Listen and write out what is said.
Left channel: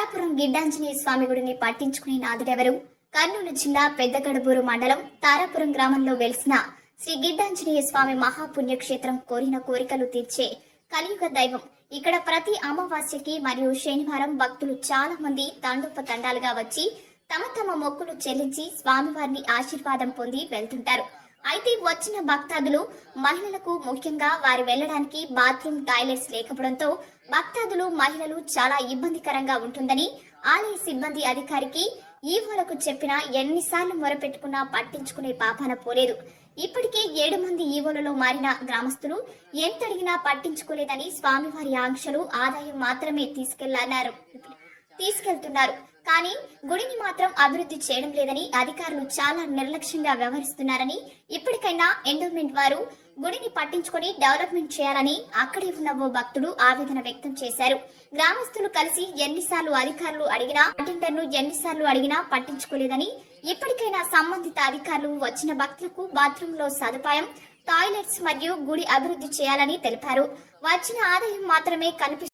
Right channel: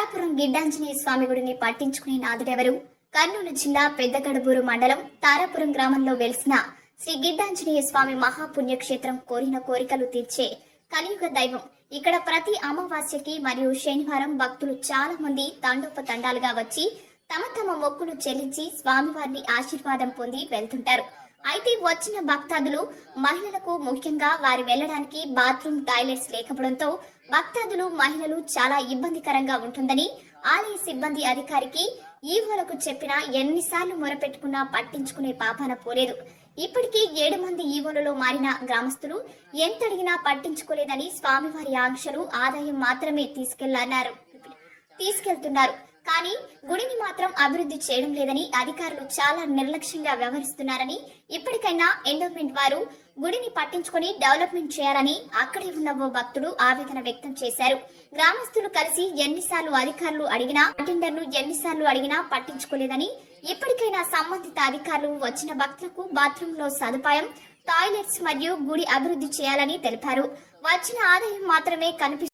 తారాపురం గిడ్డాంజనేయ స్వామి గుడిని పట్టించుకునే నాదుడెవరు? కర్నూలు జిల్లా పెద్దగడబూరు మండలం తారాపురం గ్రామంలో వెలిసిన శ్రీ గిడ్డాంజనేయ స్వామి మహాపుణ్యక్షేత్రం కోరిన కోరికలు తీర్చే కలియుగ దైవం. ఇక్కడ ప్రతి అమావాస్యకి మరియు శనివారం భక్తులు చాలా మంది తండోపతండాలుగా వచ్చి తమ తమ మొక్కులు చెల్లించి స్వామివారిని ఆశీర్వాదం పొంది వెళ్తుంటారు. అయితే వచ్చిన భక్తాదులు మహిళలకు ముఖ్యంగా వారి వెళ్లడానికి బాత్రూమ్ టాయిలెట్స్ లేకపోవడంతో భక్తాదులు మహిళలు చాలా ఇబ్బందికరంగా ఉంటుందని ఆలయ సిబ్బంది అధికారికి ఈవోలకు చెప్పినా ఎన్నిసార్లు మొరపెట్టుకున్నా పట్టించుకునే పాపాన పోలేదు. ఇప్పటికీ 7 మంది ఈవోలలో మారిన గ్రామస్తులు ఎంత అడిగినా పట్టించుకోలేదని స్వామివారి ఆంక్షలు ఆదాయం మాత్రమే తీసుకెళ్తున్నారు. కానీ గుడిని మాత్రం అభివృద్ధి చేయడం లేదని అధికారులు చాలా నిర్లక్ష్యంగా వ్యవహరిస్తున్నారని, ఇప్పటికైనా ఎండోమెంట్ వారు గుడిని పట్టించుకొని డెవలప్మెంట్ చేయాలని అక్కడే ఉన్న ఓ భక్తుడు ఆవేదన వ్యక్తం చేశారు. గ్రామస్తులు కలిసి ఎన్నిసార్లు అధికారులు అడిగినా అటెండర్ను ఎన్నిసార్లు అడిగినా పట్టించుకోలేదని, ఇప్పటికైనా సంబంధిత అధికారులు వచ్చిన భక్తులకు బాత్రూమ్ లో సదుపాయం, టాయిలెట్స్ మరియు గుడి అభివృద్ధి చేయాలని తెలిపారు. వచ్చిన ఆదాయం మాత్రమే